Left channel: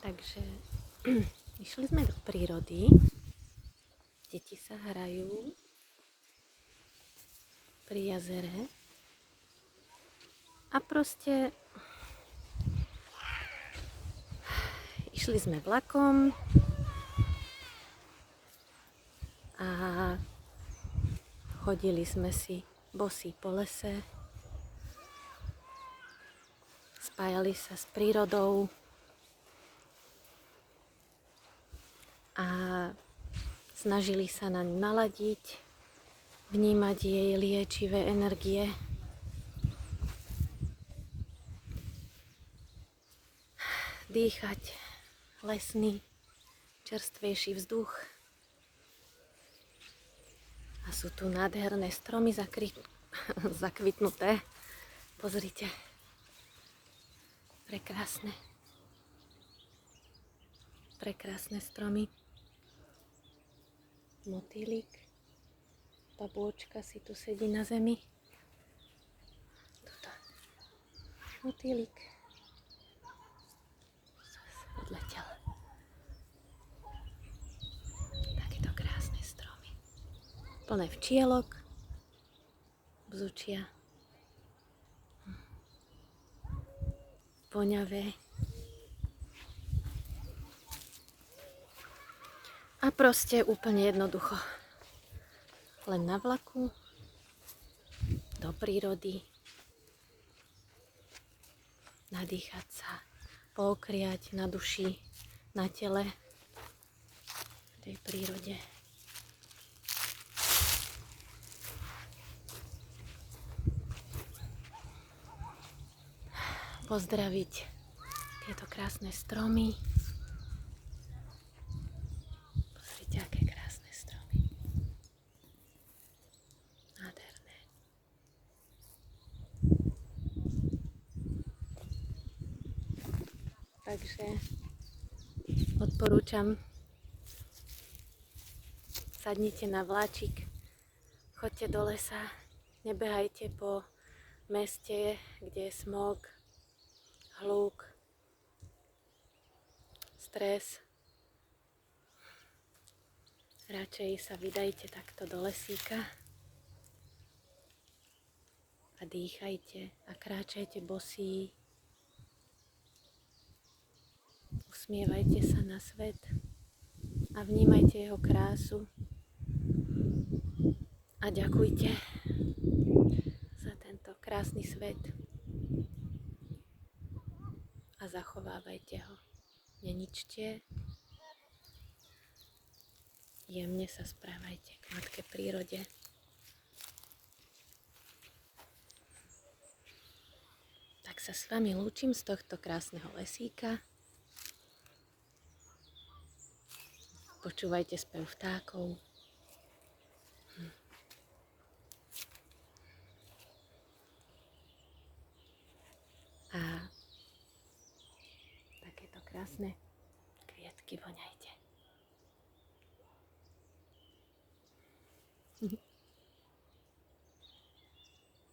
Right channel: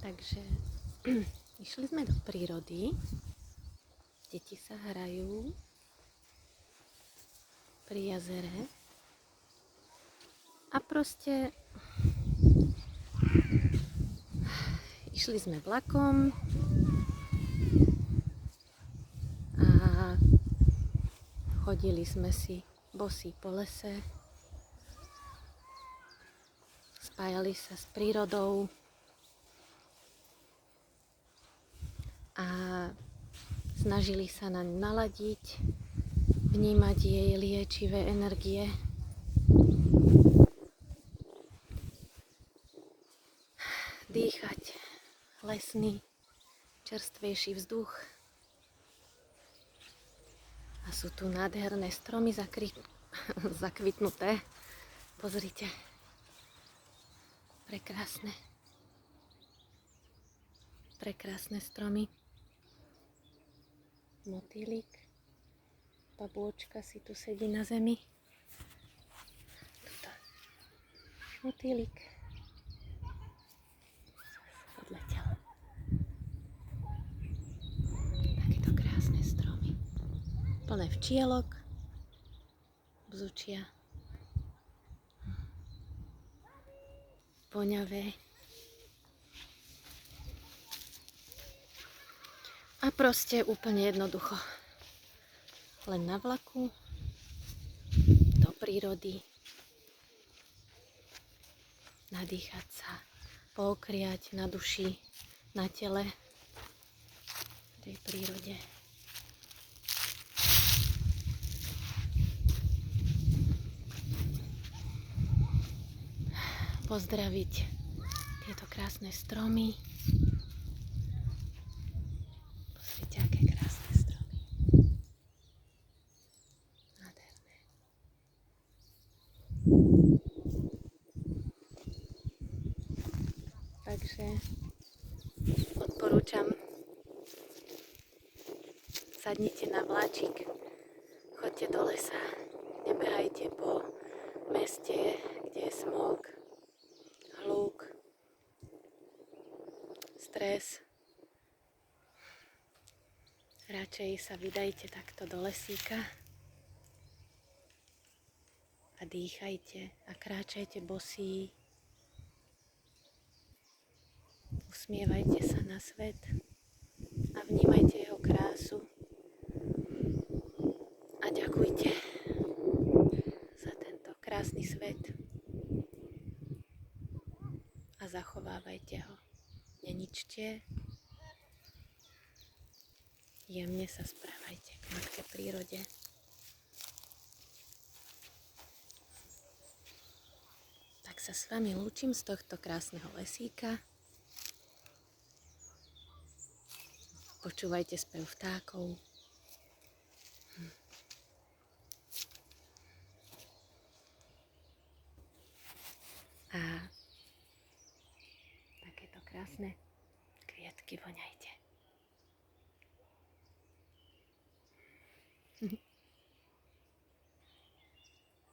Takže išli sme do prírody, deti sa hrajú pri jazere a proste išli sme vlakom a chodili sme si bosí po lese, spájali sa s prírodou a snažili sa na ňu naladiť, vnímať jej liečivé energie. Dýchať lesný, čerstvejší vzduch. A sú tu nádherné stromy zakvitnuté. Pozrite. Prekrásne. Prekrásne stromy. Motýlik. Babôčka si tu sedí na zemi. Tuto. Motýlik. Odletel. Takéto krásne stromy. Plné včielok. Bzučia. Voňavé. A proste úplne jednoducho. Len na vlaku, do prírody, nadýchať sa, pookriať na duši, na tele, v tej prírode. Pozdraviť tieto krásne stromy. Pozrite, aké krásne stromy. Nádherné. Takže odporúčam, sadnite na vláčik, choďte do lesa, nebehajte po meste, kde je smog, hluk, stres. Radšej sa vydajte takto do lesíka a dýchajte a kráčajte bosí. Usmievajte sa na svet a vnímajte jeho krásu a ďakujte za tento krásny svet a zachovávajte ho. Neničte, jemne sa správajte k matke prírode. Tak sa s vami lúčim z tohto krásneho lesíka. Počúvajte spev vtákov. A takéto krásne kvietky voňajte.